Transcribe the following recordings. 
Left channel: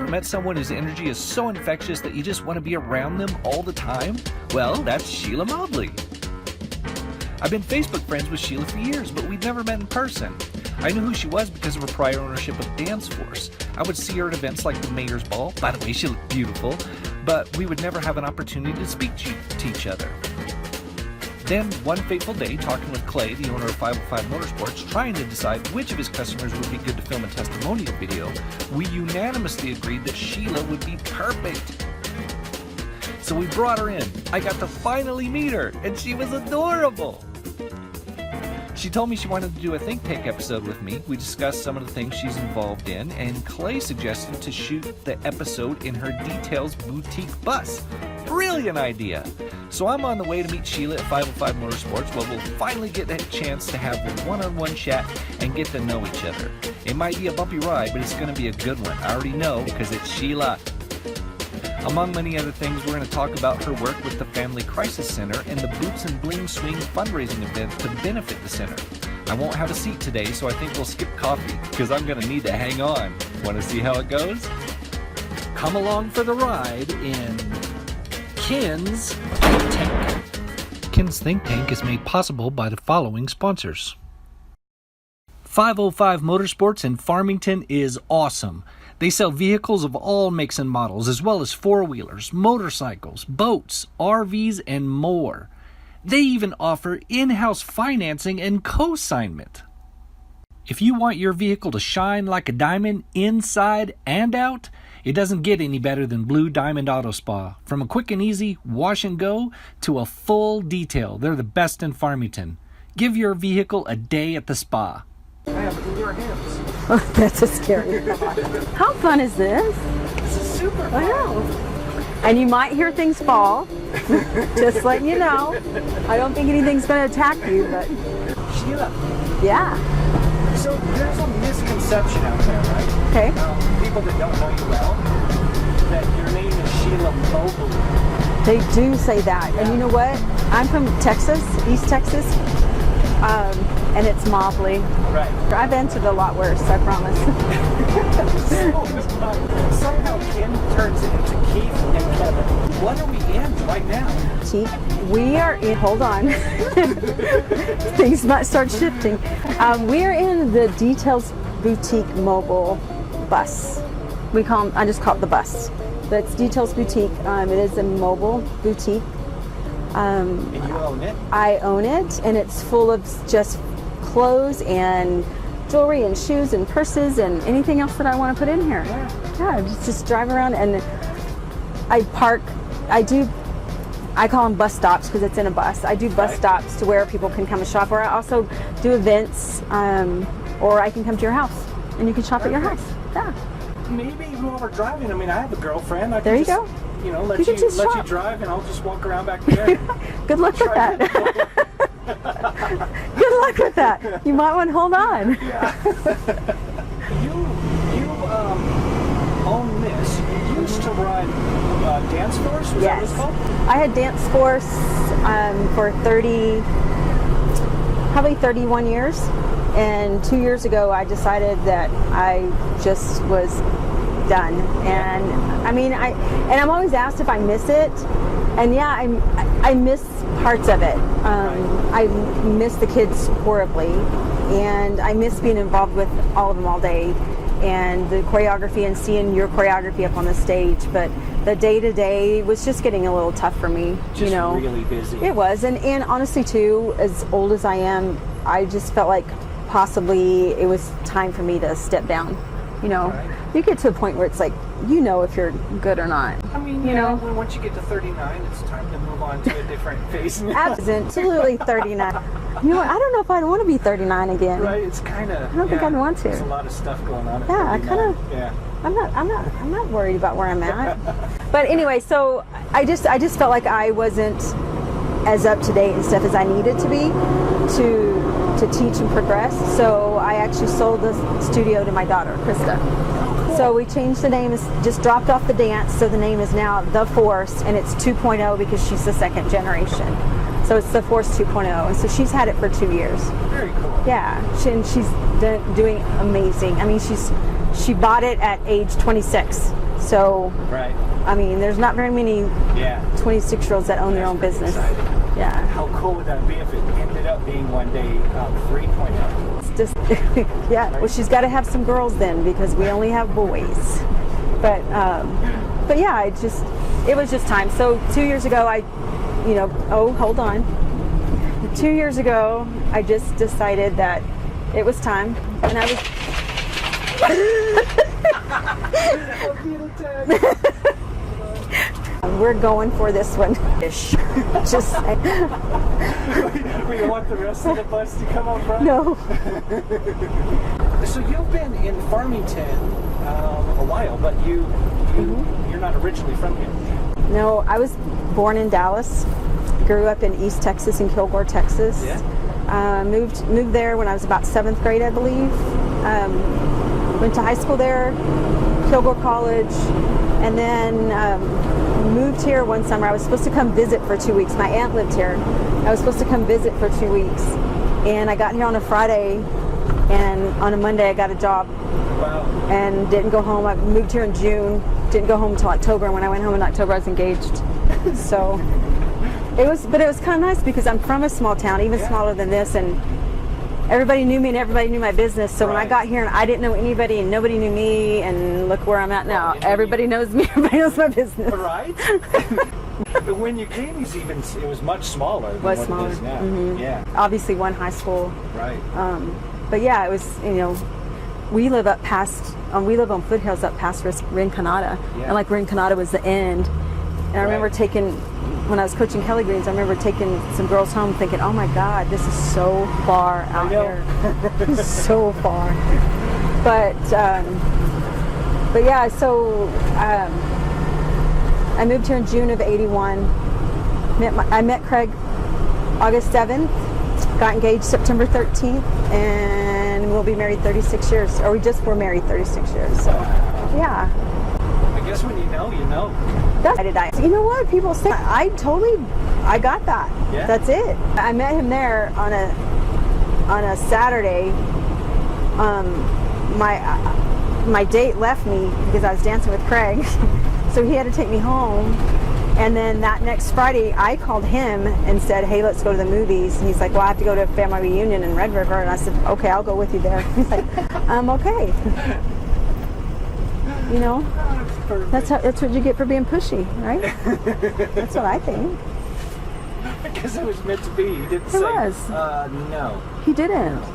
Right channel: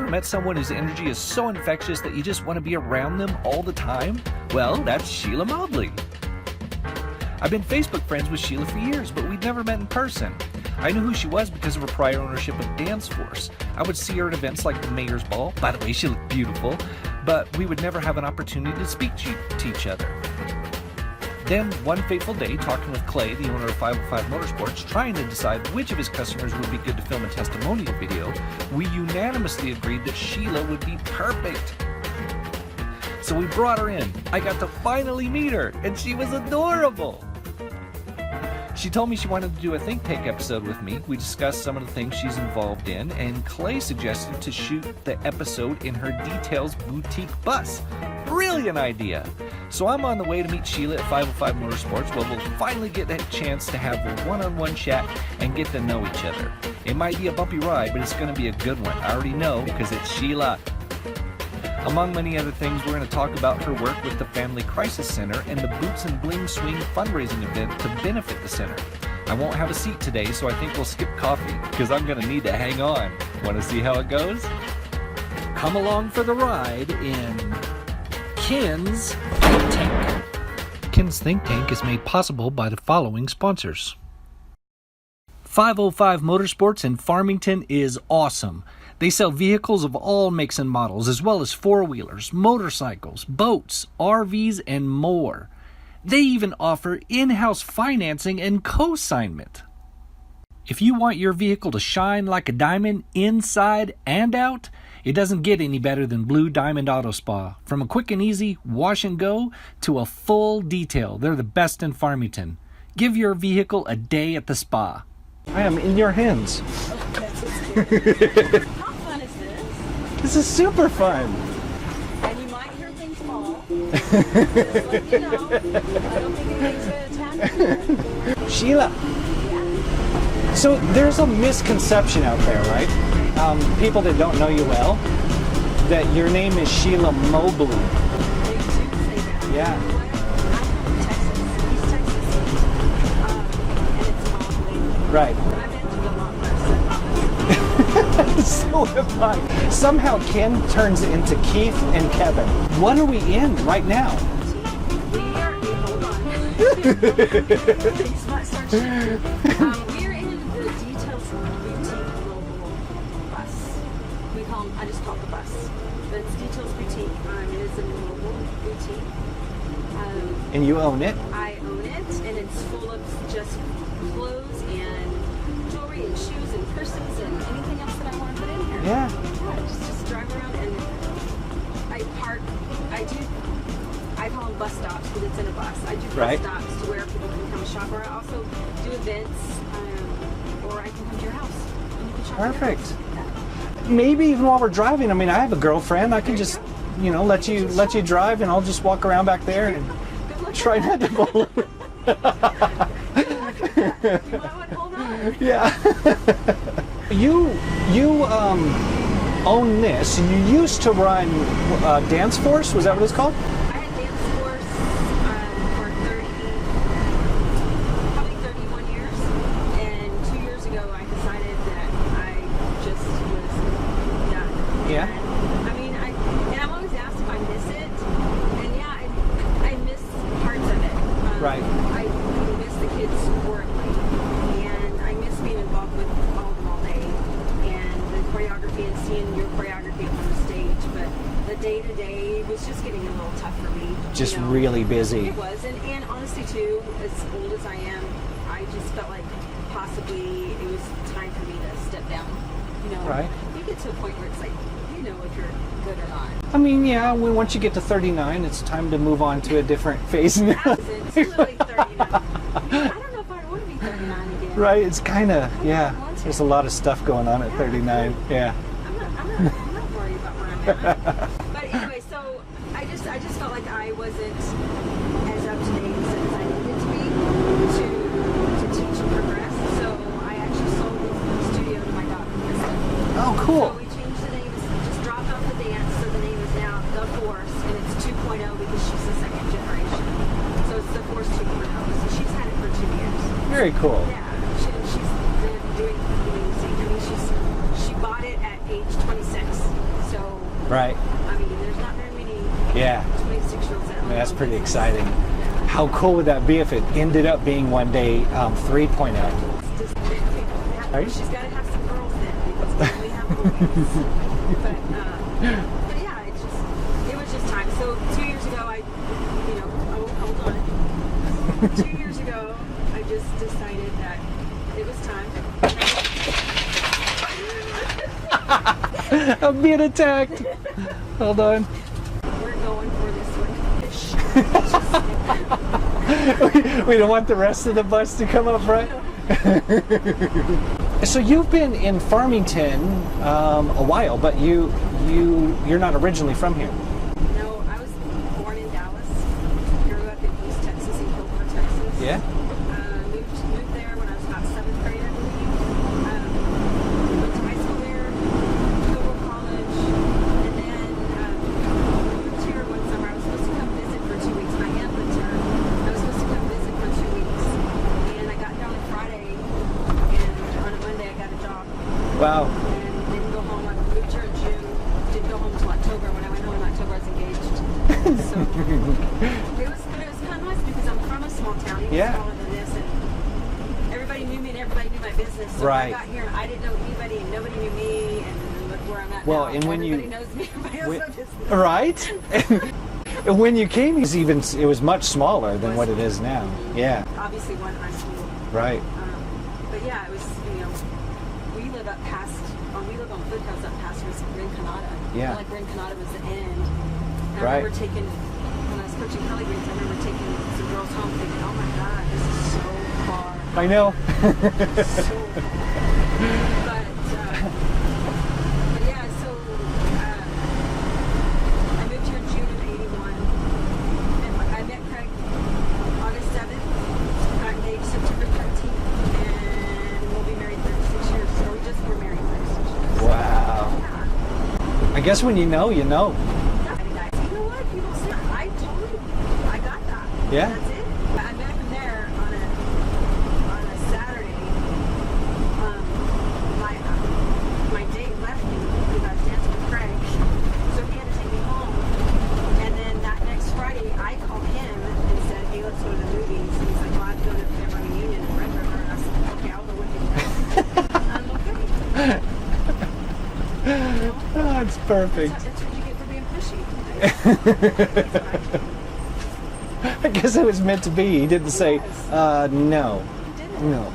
ever met someone whose energy is so infectious that you just want to be around them all the time? Well, that's Sheila Mobley. I've been Facebook friends with Sheila for years, but we'd never met in person. I knew who she was because of her prior ownership of Dance Force. I would see her at events like the Mayor's Ball. By the way, she looked beautiful, but we would never have an opportunity to speak to each other. Then, one fateful day, talking with Clay, the owner of 505 Motorsports, trying to decide which of his customers would be good to film a testimonial video, we unanimously agreed that Sheila would be perfect. So we brought her in. I got to finally meet her, and she was adorable. She told me she wanted to do a think tank episode with me. We discussed some of the things she's involved in, and Clay suggested to shoot the episode in her Details boutique bus. Brilliant idea! So I'm on the way to meet Sheila at 505 Motorsports, where we'll finally get that chance to have a one-on-one chat and get to know each other. It might be a bumpy ride, but it's going to be a good one. I already know, because it's Sheila. Among many other things, we're going to talk about her work with the Family Crisis Center and the Boots and Bling Swing fundraising event to benefit the center. I won't have a seat today, so I think we'll skip coffee, because I'm going to need to hang on. Want to see how it goes? Come along for the ride in Ken's Think Tank. Ken's Think Tank is made possible by the following sponsors. 505 Motorsports in Farmington is awesome. They sell vehicles of all makes and models, as well as four-wheelers, motorcycles, boats, RVs, and more. They even offer in-house financing and co-signment. If you want your vehicle to shine like a diamond inside and out, it doesn't get any better than Blue Diamond Auto Spa. From a quick and easy wash and go to a full detail, they're the best in Farmington. Give your vehicle a day at the spa. I am in your hands. That's a scary thought. How fun is this? This is super fun. And you might hear things fall. Just let you know. I don't think anything's going to attack you. But... Sheila. Yeah. So there's a misconception out there, right? Okay. People that don't know you well, that your name is Sheila Mobley. They do say that. Yeah. And you know what? I'm from Texas, East Texas. And it's Mobley. Right. I've entered a lot worse, I promise. So somehow Kim turns into Keith and Kevin. What are we in right now? We are in, hold on. Things might start shifting. We are in the Details Boutique mobile bus. I just call it the bus. But it's Details Boutique. It is a mobile boutique. And you own it? I own it, and it's full of just clothes and jewelry and shoes and purses and anything else that I want to put in here. Yeah, just drive around, and I park. I call them bus stops because it's in a bus. I do bus stops to where people can come and shop, or I also do events, or I can come to your house and you can shop at your house. Yeah. Maybe even while we're driving. I mean, I have a girlfriend. I can just, let you drive, and I'll just walk around back there. Good luck with that. Good luck with that. You might want to hold on. Yeah. You own this, and you used to run Dance Force. Was that what it's called? I had Dance Force for probably 31 years. And 2 years ago, I decided that I just was done. And I mean, I'm always asked if I miss it, and yeah, I miss parts of it. I miss the kids horribly, and I miss being involved with all of them all day, and the choreography and seeing your choreography up on the stage. But the day-to-day was just getting a little tough for me. Just really busy. It was, and honestly too, as old as I am, I just felt like possibly it was time for me to step down. You get to a point where it's like, if you're good or not. I mean, once you get to 39, it's time to move on to a different phase. Absolutely 39. I don't know if I'd want to be 39 again. Right, it's kind of, I don't think I'd want to. There's a lot of stuff going on at 39. I'm not worried about where I'm at. But anyway, so I just felt like I wasn't as up to date and stuff as I needed to be to teach and progress. So I actually sold the studio to my daughter, Krista. Oh, cool. So we changed the name, just dropped off the dance, so the name is now The Force, and it's 2.0 because she's the second generation. So it's The Force 2.0, and so she's had it for 2 years. Very cool. Yeah, she's doing amazing. I mean, she bought it at age 26. So, Right. I mean, there's not very many Yeah. 26-year-olds that own their That's own pretty business. exciting. Yeah. How cool would that be if it ended up being one day 3.0? It's just, yeah. Well, she's got to have some girls then because we only have boys. but yeah, it was just time. So 2 years ago, hold on. 2 years ago, I just decided that it was time, and I was. I'm being attacked. Hold on. We're going for this one. Just We don't want the rest of the bus to come up front? no. So you've been in Farmington a while, but you're not originally from here. No, I was born in Dallas. Grew up in East Texas, in Kilgore, Texas. Yeah. Moved there when I was about 7th grade, I believe. Went to high school there, Kilgore College, and then moved here one summer. I was supposed to come visit for 2 weeks. My aunt lived here. I was supposed to come visit for 2 weeks, and I got here on a Friday, and on a Monday I got a job. Wow. And didn't go home. I moved here in June, didn't go home until October, and when I went home in October I was engaged. So it was kind of nice because I'm from a small town, even smaller than this, and everybody knew me and everybody knew my business. So when I got here and I didn't know anybody and nobody knew me, and look where I'm at now. Everybody knows me, everybody knows my business. Right? And when you came, it was much smaller than what it is now. Mm-hmm. Yeah. Obviously one high school. Right. But yeah, it was, we live on foothills up past Rinconada. Yeah. And like Rinconada was the end. And I remember when I was coaching Kelly Greens, I remember taking some girls home thinking, oh my God, this is so far out I know. there. So far. But yeah, so I moved here in June of '81. I met Craig August 7th, got engaged September 13th, and we'll be married 36 years. Or we just were married 36 years. So, wow. yeah. I guess when you know, you know. You know what people say? I got that. Yeah. That's it. I met him there on a Saturday. My date left me because I was dancing with Craig, so he had to take me home. And then that next Friday, I called him and said, "Hey, let's go to the movies." And he's like, "Well, I have to go to a family reunion in Red River." And I said, "Okay, I'll go with you there." He's like, "Okay." Oh, it's perfect. That's what you get for being pushy, right? That's what I think. I guess it was meant to be. He didn't say, no. He didn't. No.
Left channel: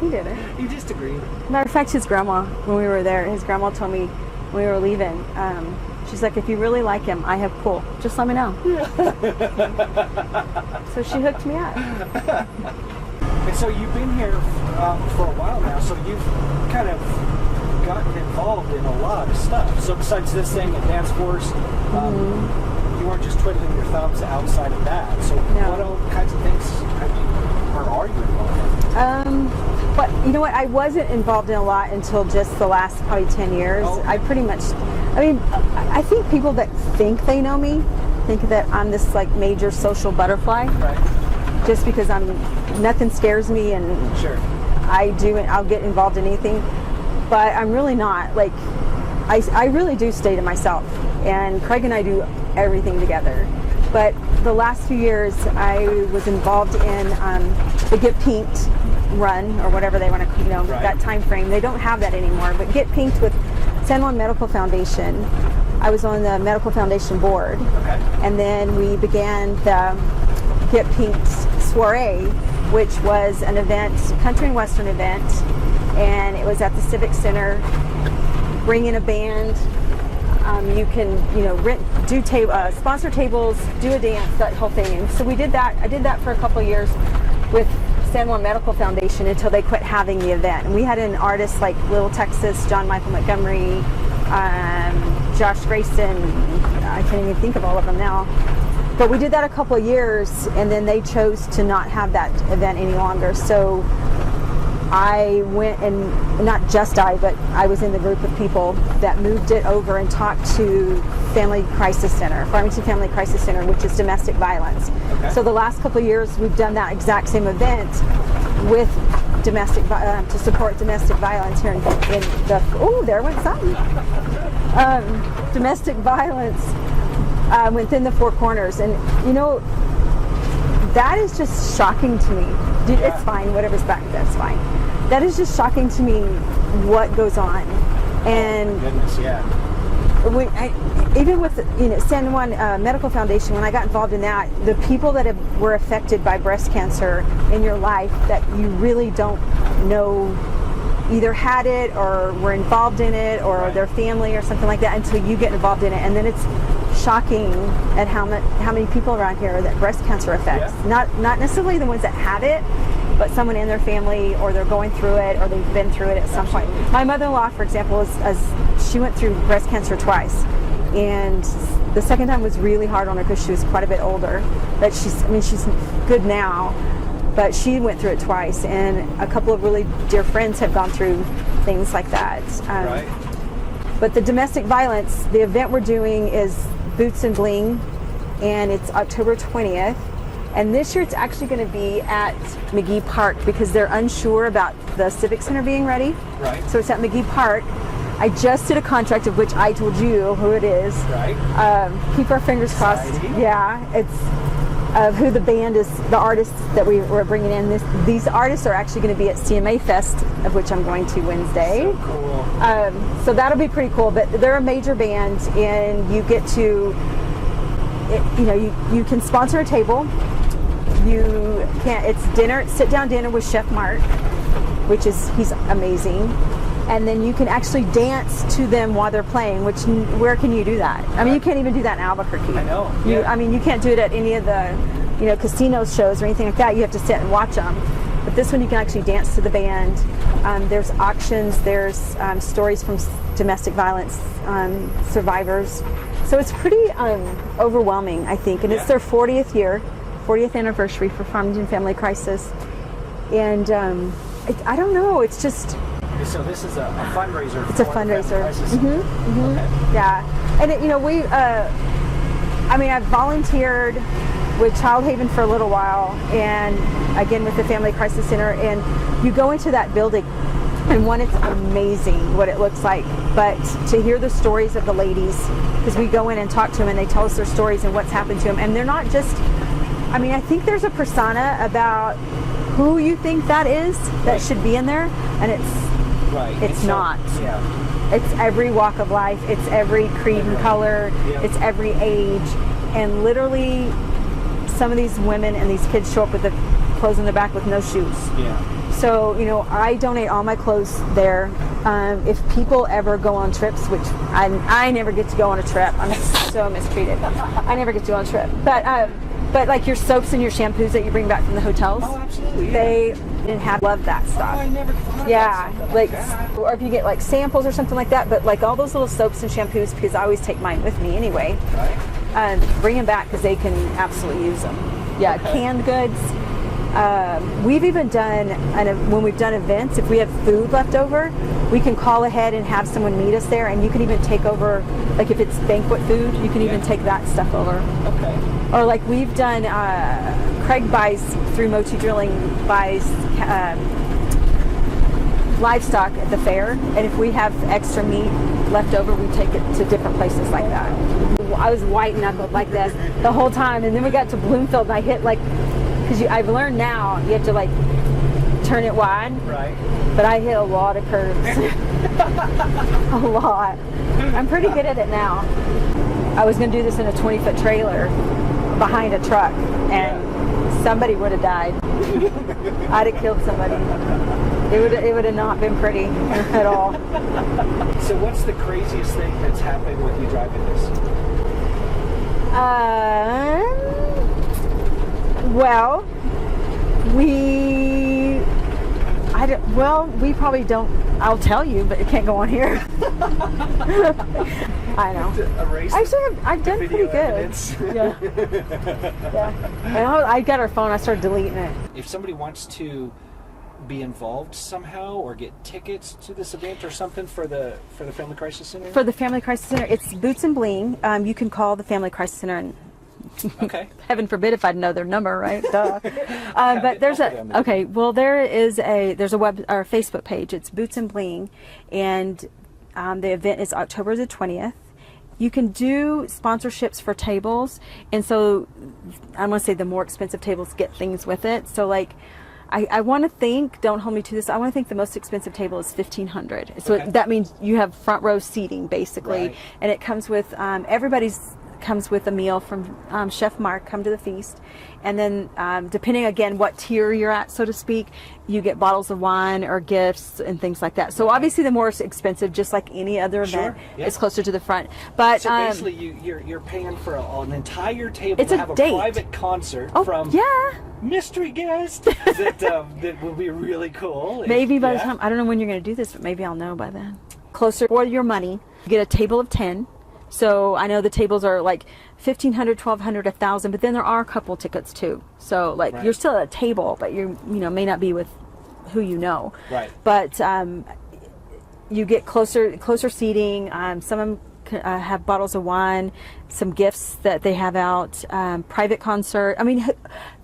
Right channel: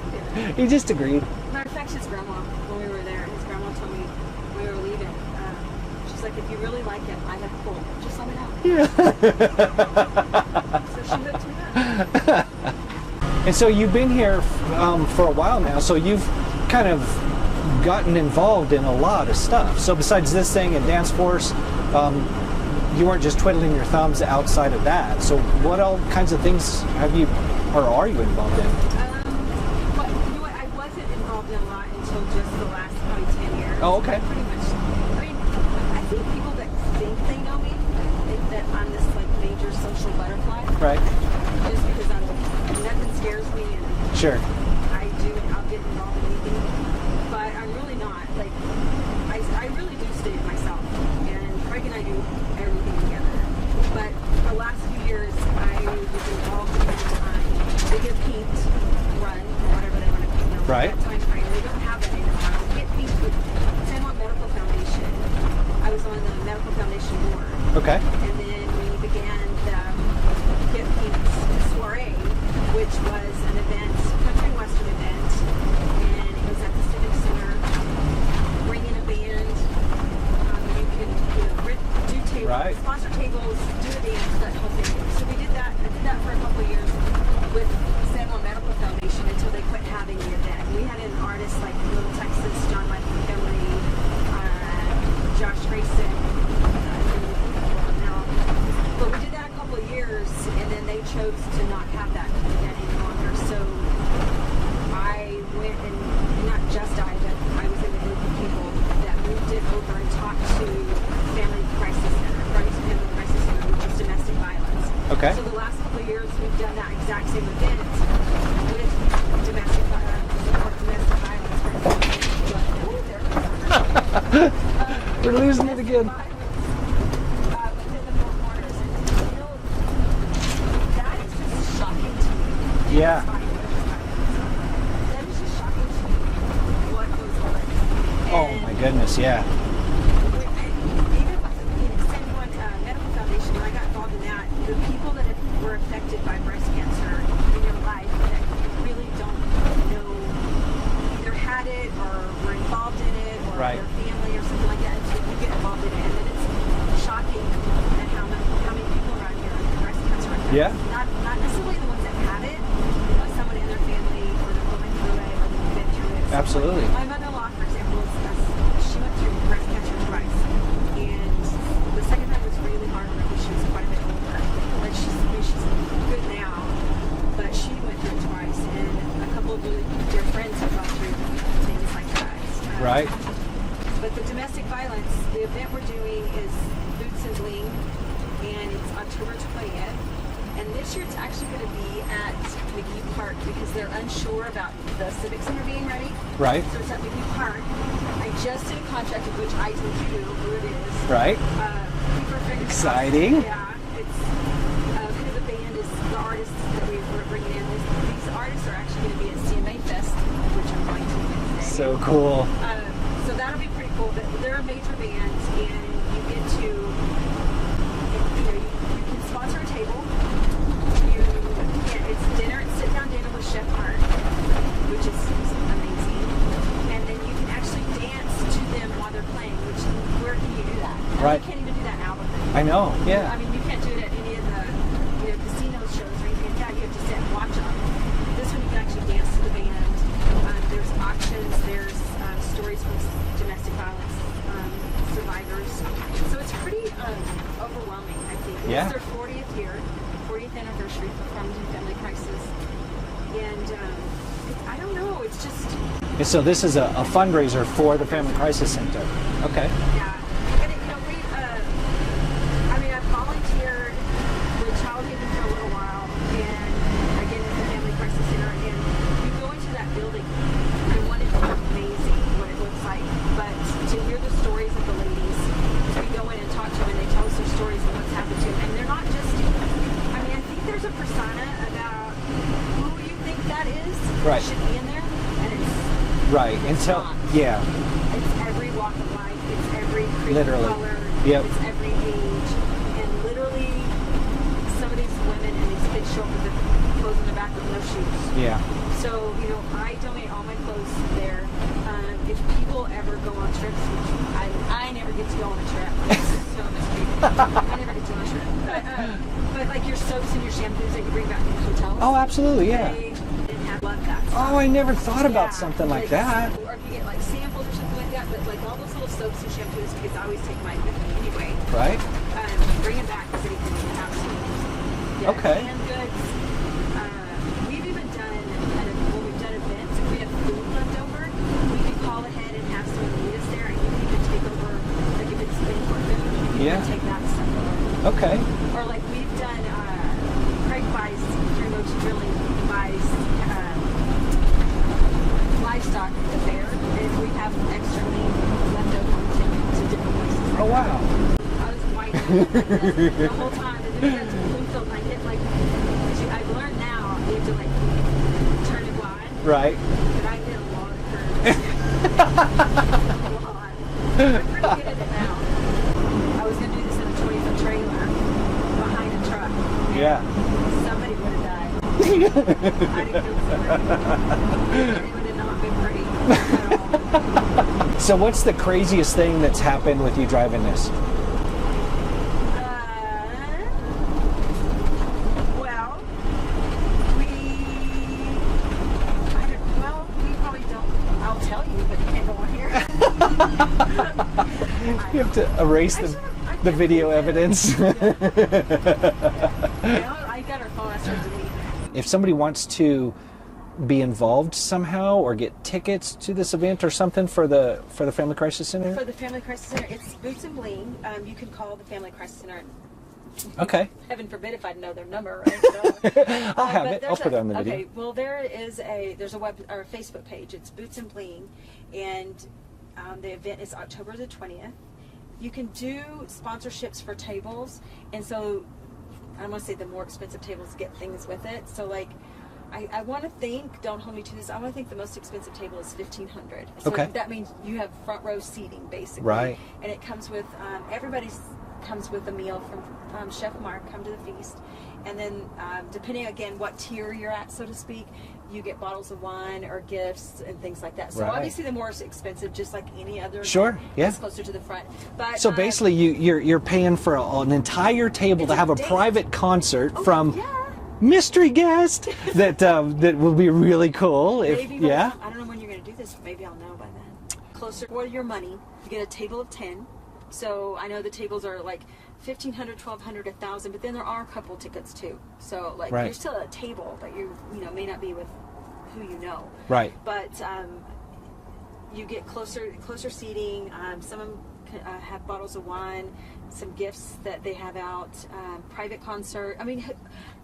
He didn't. He just agreed. Matter of fact, his grandma, when we were there, his grandma told me when we were leaving, she's like, if you really like him, I have pull. Just let me know. So she hooked me up. And so you've been here for a while now, so you've kind of gotten involved in a lot of stuff. So besides this thing and Dance Force, you weren't just twiddling your thumbs outside of that. So what all kinds of things are you involved in? But you know what? I wasn't involved in a lot until just the last probably 10 years. Oh, okay. I think people that think they know me think that I'm this like major social butterfly. Right. Just because nothing scares me and Sure. I'll get involved in anything. But I'm really not. Like, I really do stay to myself. And Craig and I do everything together. But the last few years, I was involved in the Get Pinked run, or whatever they want to, that time frame. They don't have that anymore. But Get Pinked with San Juan Medical Foundation. I was on the Medical Foundation board. Okay. And then we began the Get Pinked Soiree, which was an event, country and western event. And it was at the Civic Center. Bring in a band. You can, sponsor tables, do a dance, that whole thing. So we did that. I did that for a couple of years with San Juan Medical Foundation until they quit having the event. And we had an artist like Little Texas, John Michael Montgomery, Josh Grayson. I can't even think of all of them now. But we did that a couple of years, and then they chose to not have that event any longer. So I went, and not just I, but I was in the group of people that moved it over and talked to Family Crisis Center, Farmington Family Crisis Center, which is domestic violence. Okay. So the last couple of years, we've done that exact same event with to support domestic violence here in the. Oh, there went something. Domestic violence within the Four Corners, and you know, that is just shocking to me. Dude, Yeah. it's fine. Whatever's back, that's fine. That is just shocking to me. What goes on, and oh my goodness, yeah. Even with San Juan Medical Foundation, when I got involved in that, the people that were affected by breast cancer in your life that you really don't know either had it or were involved in it or Right. their family or something like that until you get involved in it, and then it's shocking at how many people around here that breast cancer affects. Yeah. Not necessarily the ones that had it, but someone in their family, or they're going through it, or they've been through it at some Absolutely. point. My mother-in-law, for example, she went through breast cancer twice, and the second time was really hard on her because she was quite a bit older. But she's good now, but she went through it twice, and a couple of really dear friends have gone through things like that. Right. But the domestic violence, the event we're doing is Boots and Bling, and it's October 20th. And this year it's actually going to be at McGee Park because they're unsure about the Civic Center being ready. Right. So it's at McGee Park. I just did a contract of which I told you who it is. Right. Keep our fingers crossed. Exciting. Yeah. It's of who the band is, the artists that we're bringing in. These artists are actually going to be at CMA Fest, of which I'm going to Wednesday. So cool. So that'll be pretty cool. But they're a major band, and you get to, you can sponsor a table. It's dinner, sit down dinner with Chef Mark, he's amazing. And then you can actually dance to them while they're playing, where can you do that? I mean, you can't even do that in Albuquerque. I know. Yeah. You can't do it at any of the, casino shows or anything like that. You have to sit and watch them. But this one, you can actually dance to the band. There's auctions. There's stories from domestic violence survivors. So it's pretty overwhelming, I think. And it's their 40th anniversary for Farmington Family Crisis. And I don't know, it's just... So this is a fundraiser for the Family Crisis Center. Mm-hmm. Okay. Yeah. And, I volunteered with Child Haven for a little while, and again with the Family Crisis Center, and you go into that building, and it's amazing what it looks like, but to hear the stories of the ladies, because we go in and talk to them, and they tell us their stories and what's happened to them, and they're not just... I think there's a persona about who you think that is that Right. should be in there, and it's not. Yeah. It's every walk of life. It's every creed and color. Yep. It's every age. And literally, some of these women and these kids show up with the clothes in their back with no shoes. Yeah. So, I donate all my clothes there. If people ever go on trips, which I never get to go on a trip. I'm so mistreated. I never get to go on a trip. But like your soaps and your shampoos that you bring back from the hotels. Oh, absolutely, yeah. They love that stuff. Oh, I never thought about something like that. Or if you get like samples or something like that, but like all those little soaps and shampoos, because I always take mine with me anyway. Right. Bring them back because they can absolutely use them. Yeah, Okay. Canned goods. We've even done, when we've done events, if we have food left over, we can call ahead and have someone meet us there, and you can even take over, like if it's banquet food, you can even take that stuff over. Okay. Or like we've done, Craig buys, through Mochi Drilling, buys livestock at the fair, and if we have extra meat left over, we take it to different places like that. I was white knuckled like this the whole time, and then we got to Bloomfield, and I hit because I've learned now you have to turn it wide. Right. But I hit a lot of curves. A lot. I'm pretty good at it now. I was going to do this in a 20-foot trailer behind a truck, and somebody would have died. I'd have killed somebody. It would have not been pretty at all. So what's the craziest thing that's happened with you driving this? Well, we probably don't. I'll tell you, but it can't go on here. I know. You have to erase I've the done video pretty good. evidence. Yeah. And I got our phone. I started deleting it. If somebody wants to be involved somehow or get tickets to this event or something for the Family Crisis Center? For the Family Crisis Center, it's Boots and Bling. You can call the Family Crisis Center and Okay. Heaven forbid if I'd know their number, right? Duh. But there's I'll put it on the okay. video. Well, there's a web or Facebook page. It's Boots and Bling, and the event is October the 20th. You can do sponsorships for tables, and so I'm going to say the more expensive tables get things with it. So like, I want to think, don't hold me to this, I want to think the most expensive table is $1,500. So Okay. that means you have front row seating basically, Right. and it comes with everybody's comes with a meal from Chef Mark, Come to the Feast. And then depending again what tier you're at, so to speak, you get bottles of wine or gifts and things like that. So Right. obviously the more expensive, just like any other Sure, event, yeah. is closer to the front. But So basically, you're paying for an entire table It's to a have a date. private concert oh, from yeah. mystery guest that that will be really cool. Maybe by the yeah. time, I don't know when you're going to do this, but maybe I'll know by then. Closer for your money, you get a table of 10. So I know the tables are like $1,500, $1,200, $1,000, but then there are a couple tickets too. So like Right. you're still at a table, but you may not be with who you know. Right. But you get closer seating. Some of them have bottles of wine, some gifts that they have out, private concert. I mean,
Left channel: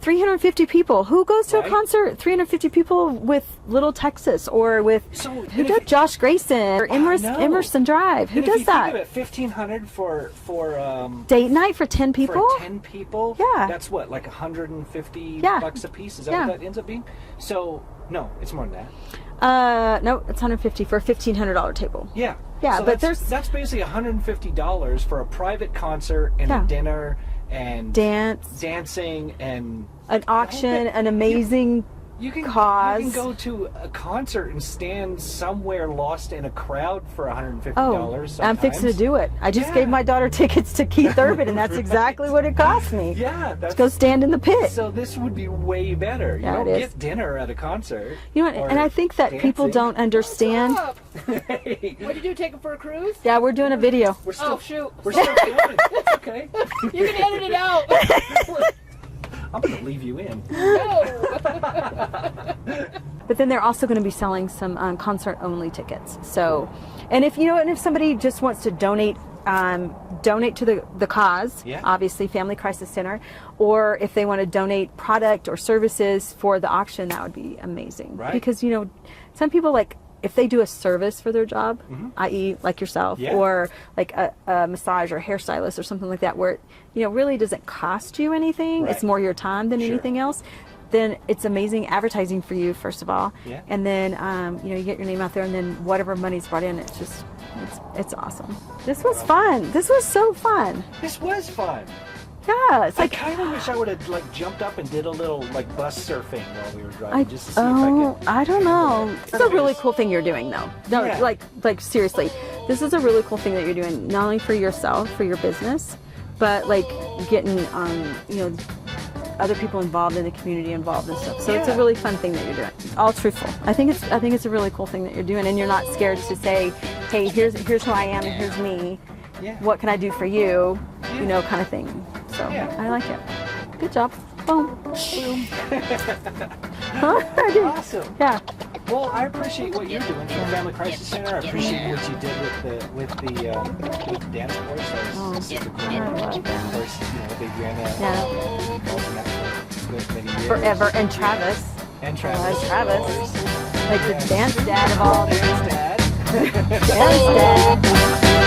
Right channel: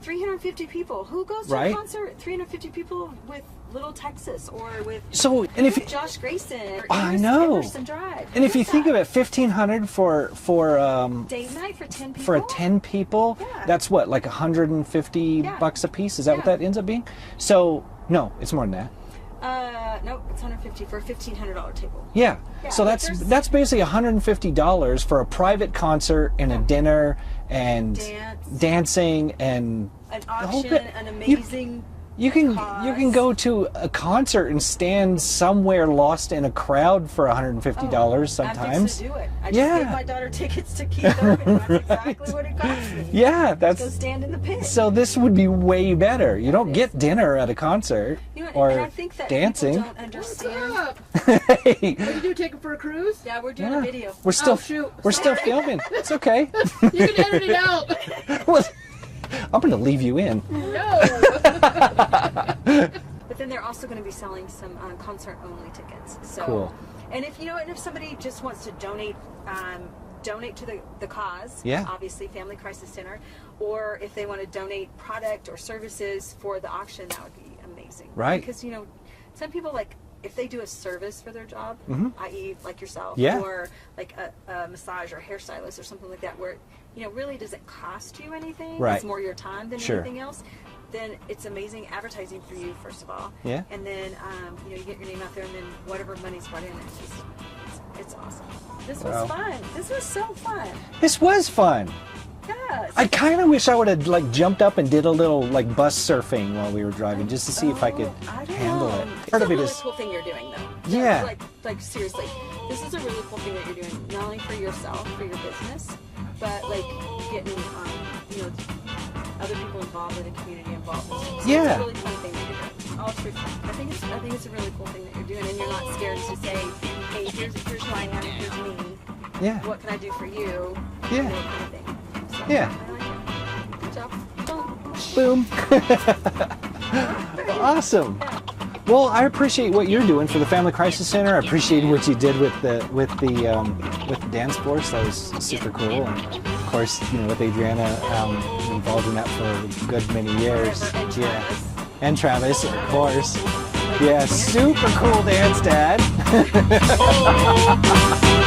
350 people. Who goes to Right. a concert? 350 people with Little Texas or with So, who and if does Josh Grayson or I know. Emerson Drive. Who And if does you that? think of it, $1,500 for Date night for 10 people. for 10 people, Yeah. that's what, like $150 Yeah. bucks a piece. Is that Yeah. what that ends up being? So no, it's more than that. No, it's 150 for a $1,500 table. Yeah. Yeah, So but that's basically $150 for a private concert and Yeah. a dinner and dancing and An auction, bit. an amazing. you can cause. go to a concert and stand somewhere lost in a crowd for $150 I'm sometimes. fixing to do it. I just Yeah. gave my daughter tickets to Keith Urban, and that's exactly what it cost me. Yeah, Go that's stand in the pit. so. This would be way better. You Yeah, don't it is. get dinner at a concert. You know, what, or and I think that dancing. people don't understand. Hey, What do you do? Take them for a cruise? Yeah, we're doing a video. we're still Oh, shoot. we're still filming. It's okay. You can edit it out. I'm gonna leave you in. No. But then they're also going to be selling some concert-only tickets. So, Cool. and if somebody just wants to donate to the cause, Yeah. obviously Family Crisis Center, or if they want to donate product or services for the auction, that would be amazing. Right. Because some people like if they do a service for their job, i.e. like yourself, Yeah. or like a massage or hairstylist or something like that, where it really doesn't cost you anything. Right. It's more your time than Sure. anything else. Then it's amazing advertising for you, first of all. Yeah. And then, you get your name out there, and then whatever money's brought in, it's awesome. This was fun. This was so fun. This was fun. Yeah. It's I like, kind of wish I would have jumped up and did a little bus surfing while we were driving, just to see if I could. I don't know. It's a really cool thing you're doing, though. No, Yeah. like seriously, this is a really cool thing that you're doing, not only for yourself, for your business, but like getting, other people involved in the community involved and stuff. So it's Yeah. a really fun thing that you're doing. All truthful. I think it's a really cool thing that you're doing, and you're not scared to say, hey, here's who I am and here's me. Yeah. What can I do for you? Yeah. Kind of thing. So Yeah. I like it. Good job. Boom. Boom. Awesome. Yeah. Well, I appreciate what you're doing for the Family Crisis Center. I appreciate what you did with the dance force. That was super cool. And of course, with Adriana involved in that for a good many years. Forever. And Yeah. Travis. And Travis, Travis. of course. Like Yeah, the dance super dad. cool dance dad. Dance dad.